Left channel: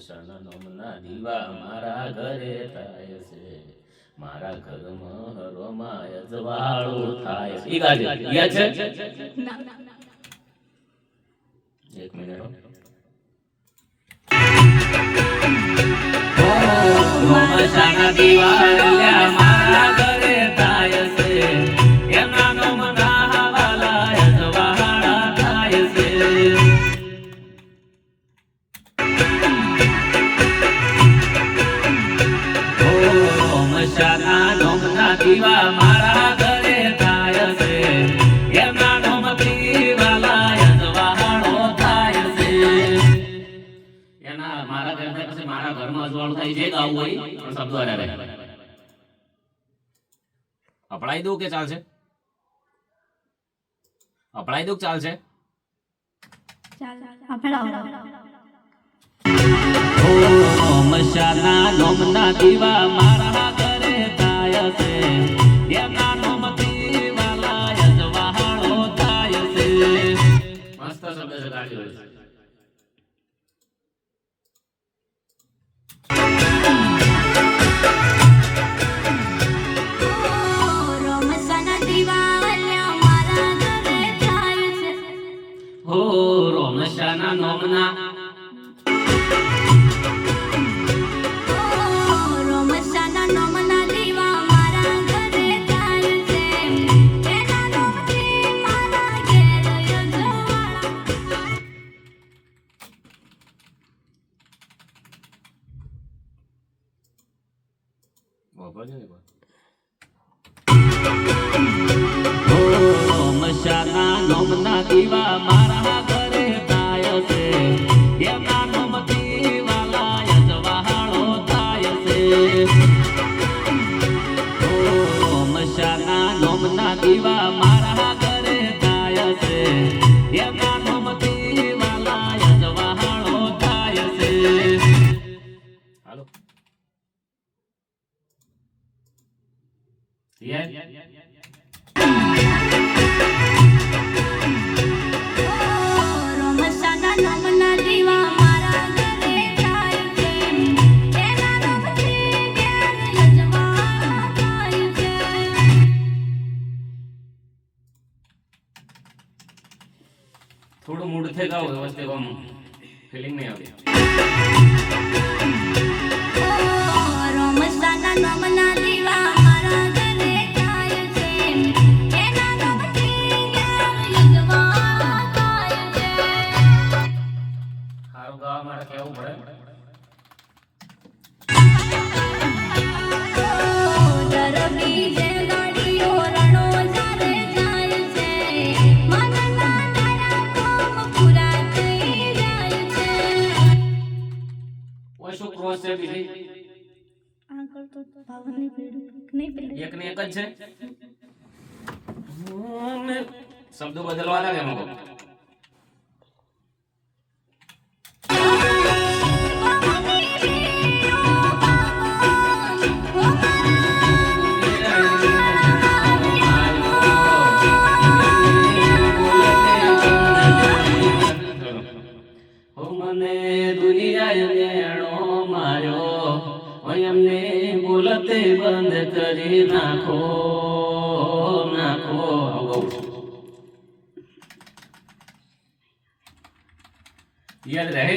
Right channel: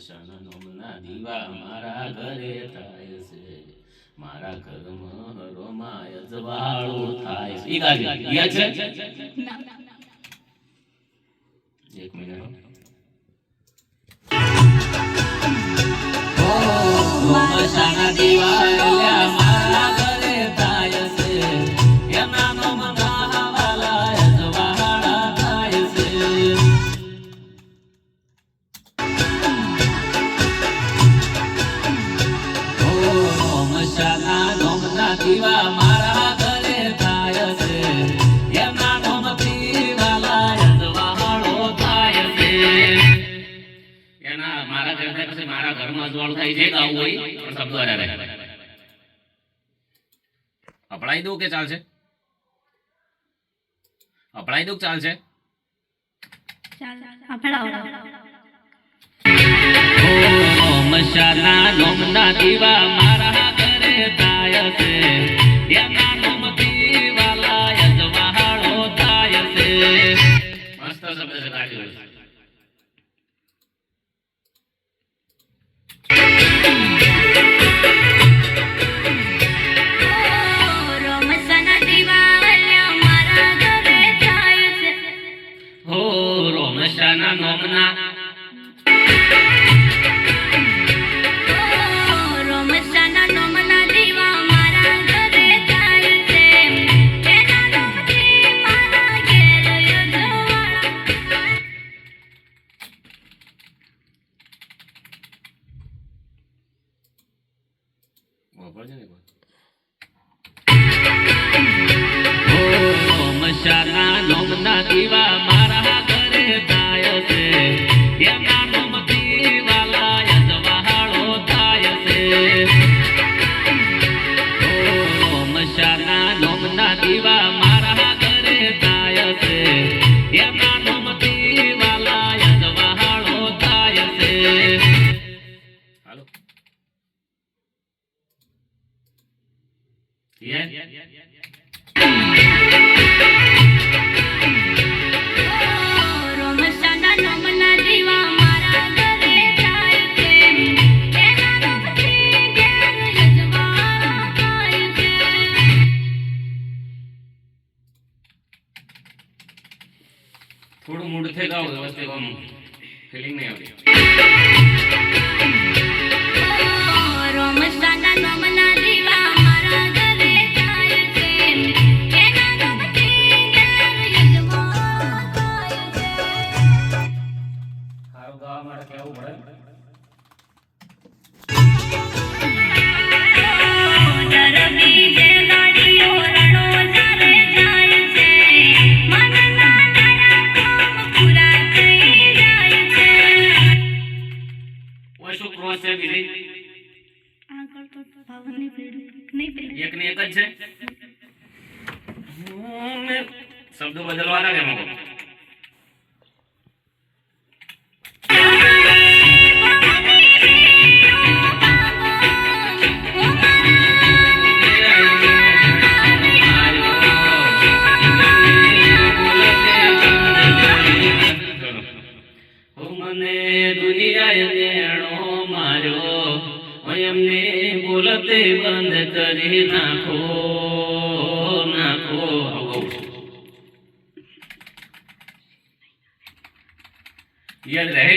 મશાના નોમના દીવા મારા ઘરે થાય છે, મારા ઘરમાં હરોમાય જવાળું થાય છે. ઈ ગાડી યાદ છે? એક મિનિટ મશાના દીવા મારા ઘરે થાય છે, એના નોમના વાલા જવાળા થાય છે. મશાના નોમના દીવા મારા ઘરે થાય છે, એના નોમથી વાલા જવાળો થાય છે. એના મારા ઘરે થાય પછી મારા ઘરમાં અજવાળું થાય છે. ગાવું હોય પણ શબ્દો અડાડે. અપડાઈ દઉં કે ચાલશે? અપડાઈ દઉં કે ચાલશે? મશાના નોમના દીવા મારા ઘરે થાય છે, એના નોમથી વાલા જવાળો થાય છે. મસ્ત શબ્દ છે ગાડી હોય. મશાના નોમના દીવા મારા ઘરે થાય છે, એના નોમથી મારા ઘેર જવાળા. મશાના નોમના દીવા મારા ઘરે થાય છે, એના નોમથી વાલા જવાળો થાય છે. મશાના નોમના દીવા મારા ઘરે થાય છે, એના નોમથી વાલા જવાળો થાય છે. હાલો મશાના નોમના દીવા મારા ઘરે થાય છે, એના નોમથી ઘેર જવાળા થાય છે. થોડું મૂડ થઈ ગાવ વ્યવસ્થિત આમ ફીલિંગ નહીં આવતી. મશાના નોમના દીવા મારા ઘરે થાય છે, એના નોમથી ઘેર જવાળા થાય છે. હારું ગાવા માટે કેવું પડે? દરબી જે ગાડીઓ રણો જારે જાય છે, મનના તારા કામ પૂરા થઈ જાય છે. ઓય શું ક્રોસ છે બીજી? આગળ તો ભાવની પેઢી નહીં પેઢી એક ને એક જ છે. શબ્દો બદલવા લાગે મગો. મને દુનિયાએ નેણો માર્યો, એમને બોલતે બંધ કરી નાખો નાખો. યાદ રહે?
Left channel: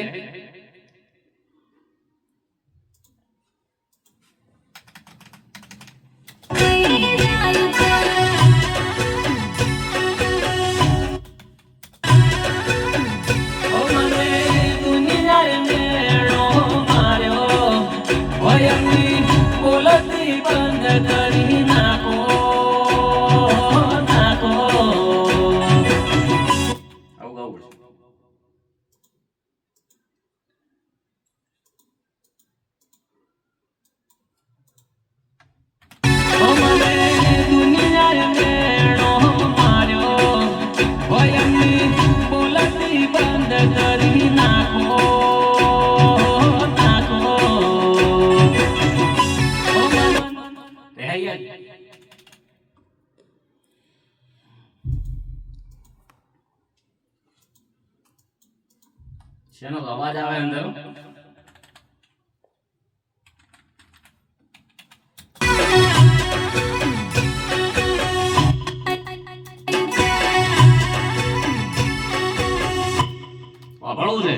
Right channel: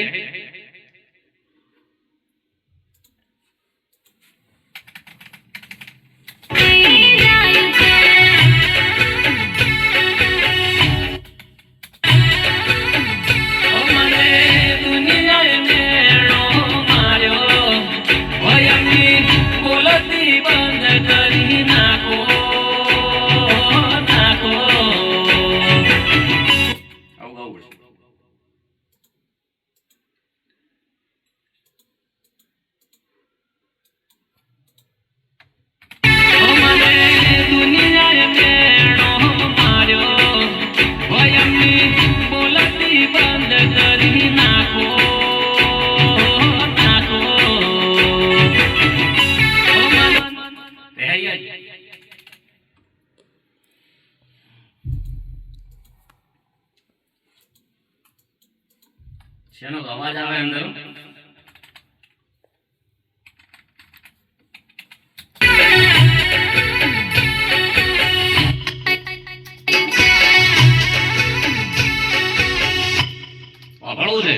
બંધ કરી નાખો નાખો. આવું ગાવું પડશે. શેનો અવાજ આવે અંદર? સાંભળવું છે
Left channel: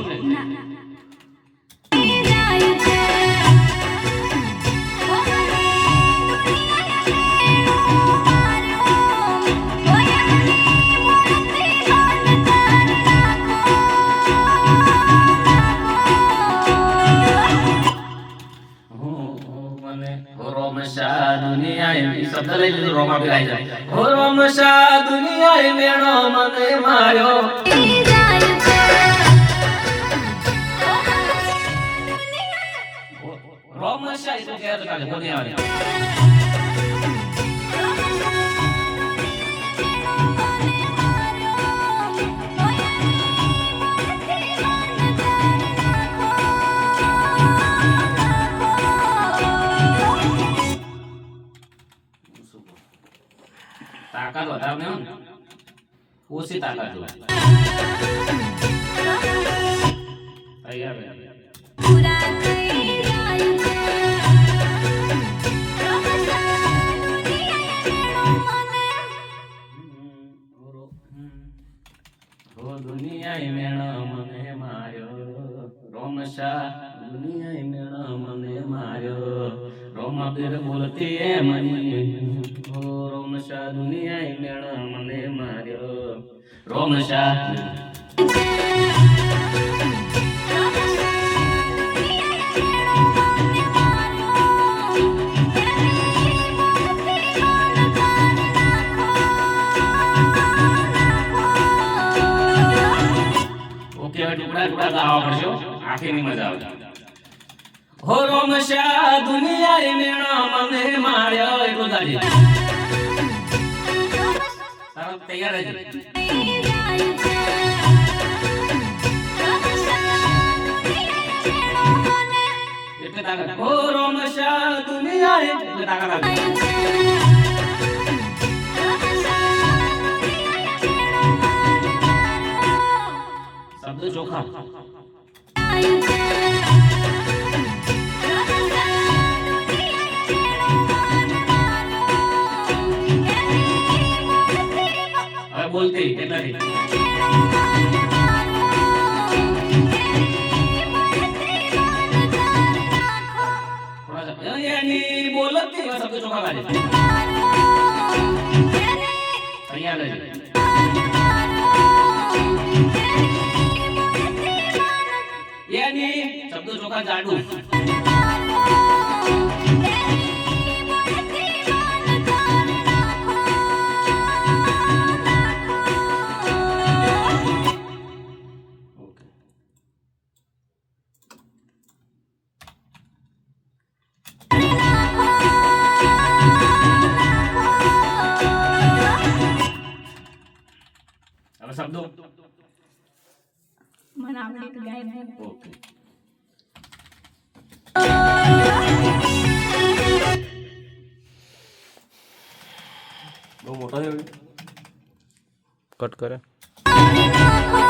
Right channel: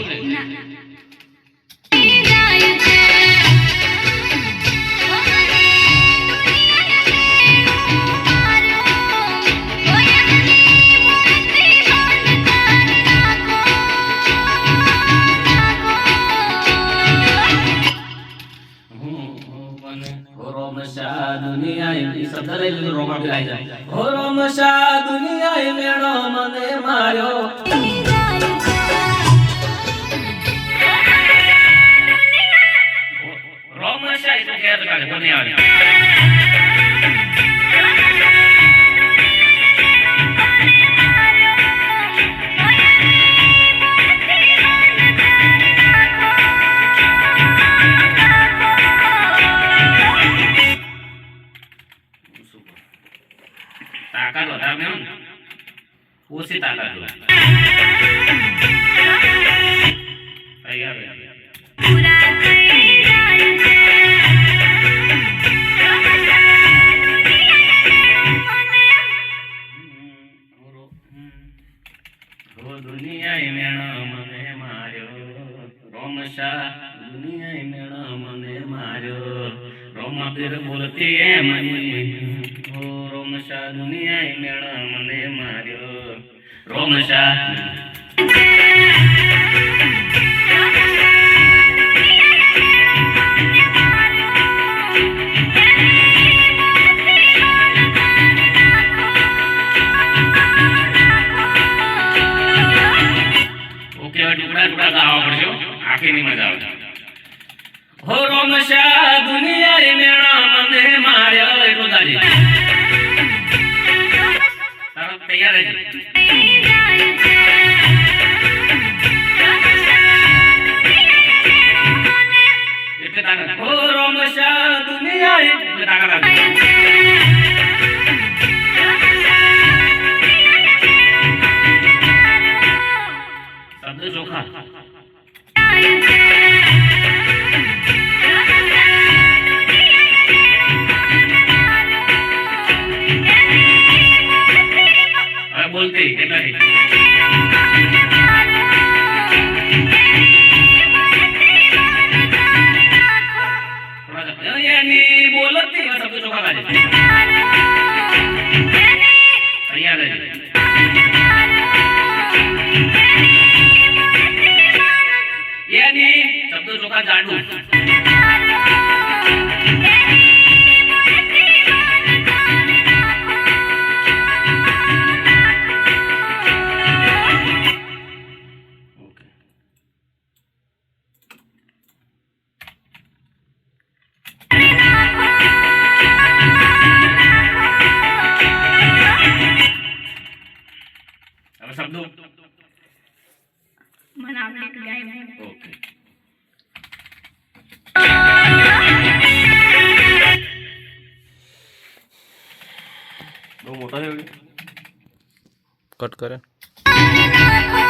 રોમશા દુનિયાએ શબ્દ લઈ લીધો રોમા બી આવી જાય હો રોમશા દુનિયાએ મેણો મને માર્યો રોમશા એ તો કે કાઢે કોની આવે તાકાત વધારે ને ઓછી તાકાત જોઈએ તૈયાર પૂરા થઈ જાય છે દુનિયાએ મેણો મને માર્યો રોમશા દુનિયાએ મેણો મને માર્યો રોમાબીર બોલતી એ મને રોમશા દુનિયાએ મેળા મને માર્યો રોમશા ઓકે ટુકડા ટુકડા ગાવા પડશે આખી ની મજા આવે હો રોમશા દુનિયાએ મેળા મને માર્યો એટલું દાજી તૈયાર છે એટલે તાકાત ઓ રોમશા દુનિયાએ એટલે તાકાત શબ્દ ચોખા બોલતી કેટલા એની બોલતી શબ્દ ચોખા કાઢે તૈયાર છે એની શબ્દ ચોખા જાડું શબ્દો મને આવડે તો ગાય ઓકે બહુ મોટો છે કટ કરે